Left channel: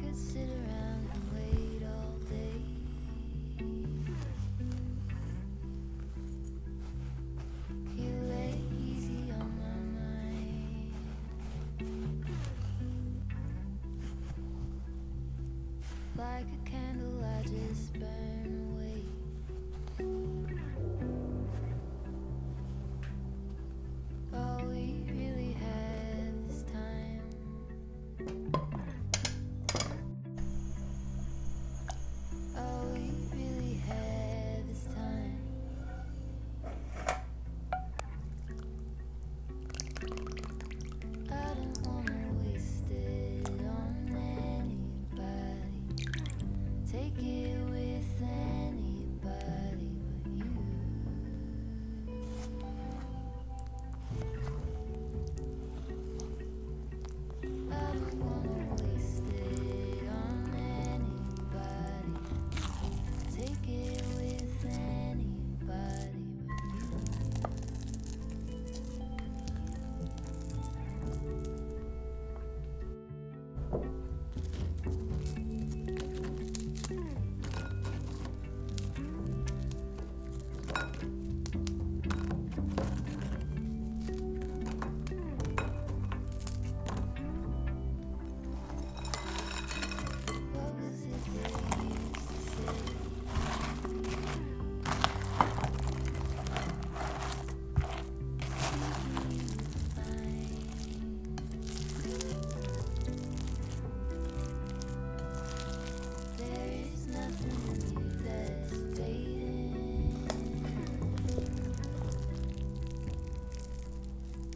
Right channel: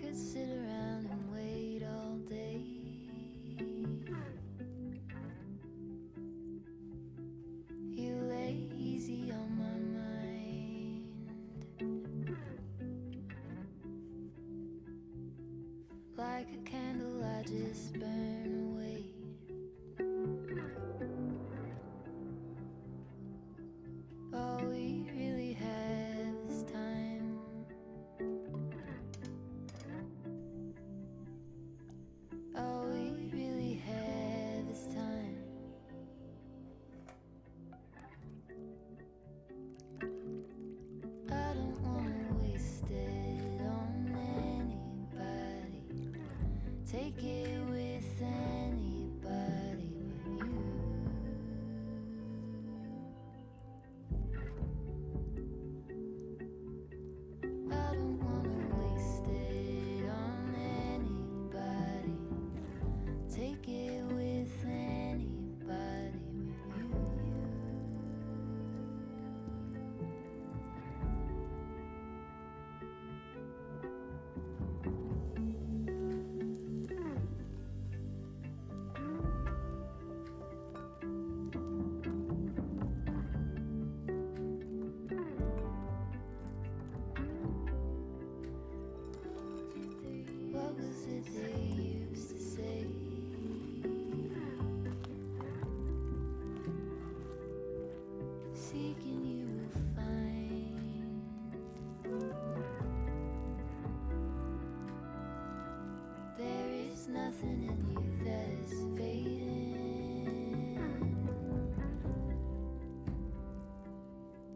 could sit around and wait all day. You lay easy on my mind, like a candle I just burn away. All we really have is time. All we really have is time. I don't wanna waste it on anybody. Take it with anybody but you. I don't wanna waste it on anybody. Take it with anybody but you. What was it they used to say? Seeking you would find. There is nothing in you that's fading.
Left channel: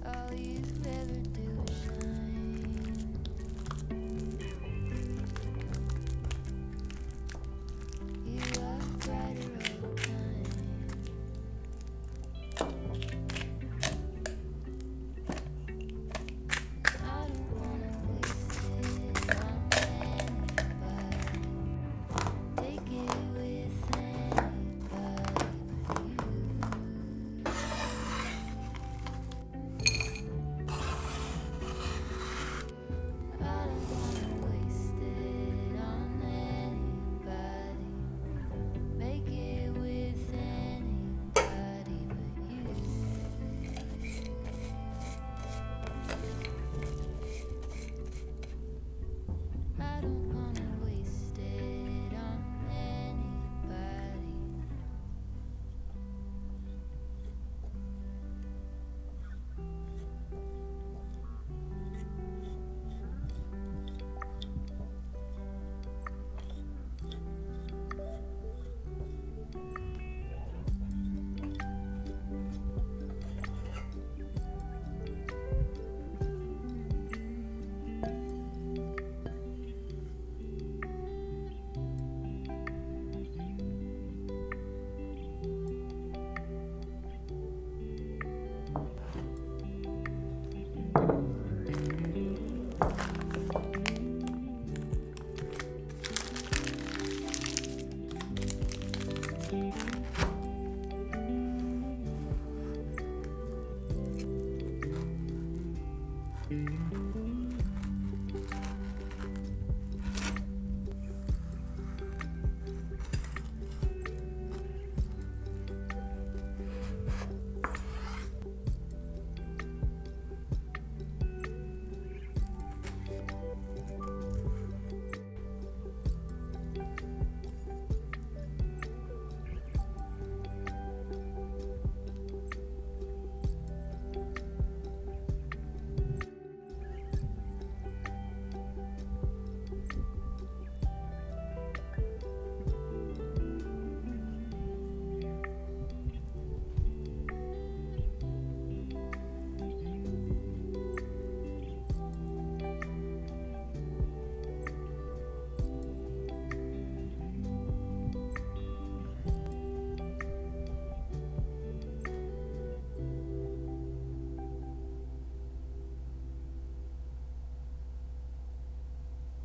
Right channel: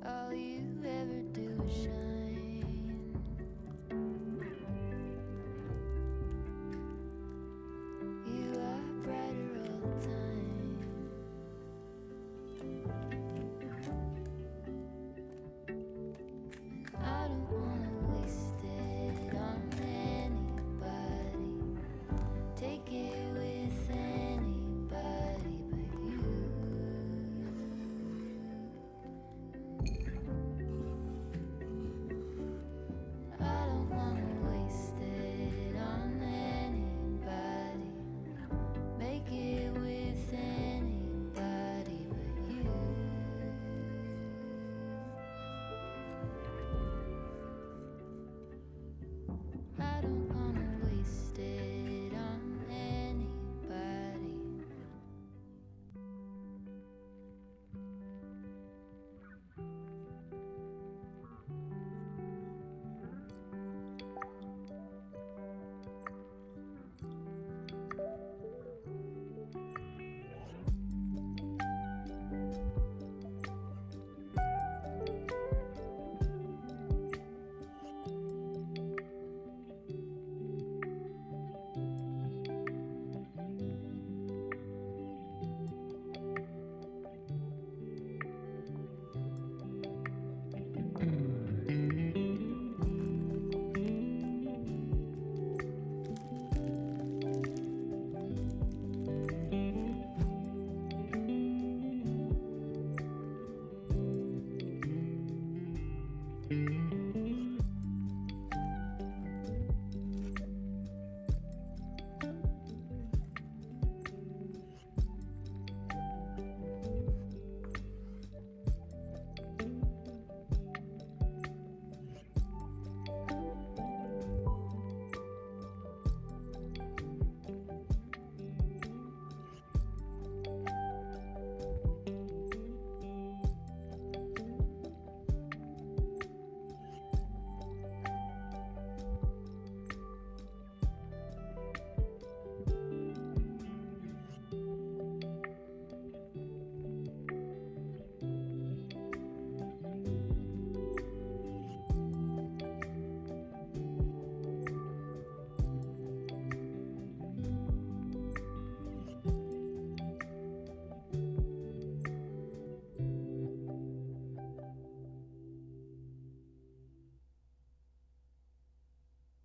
All you ever do is shine.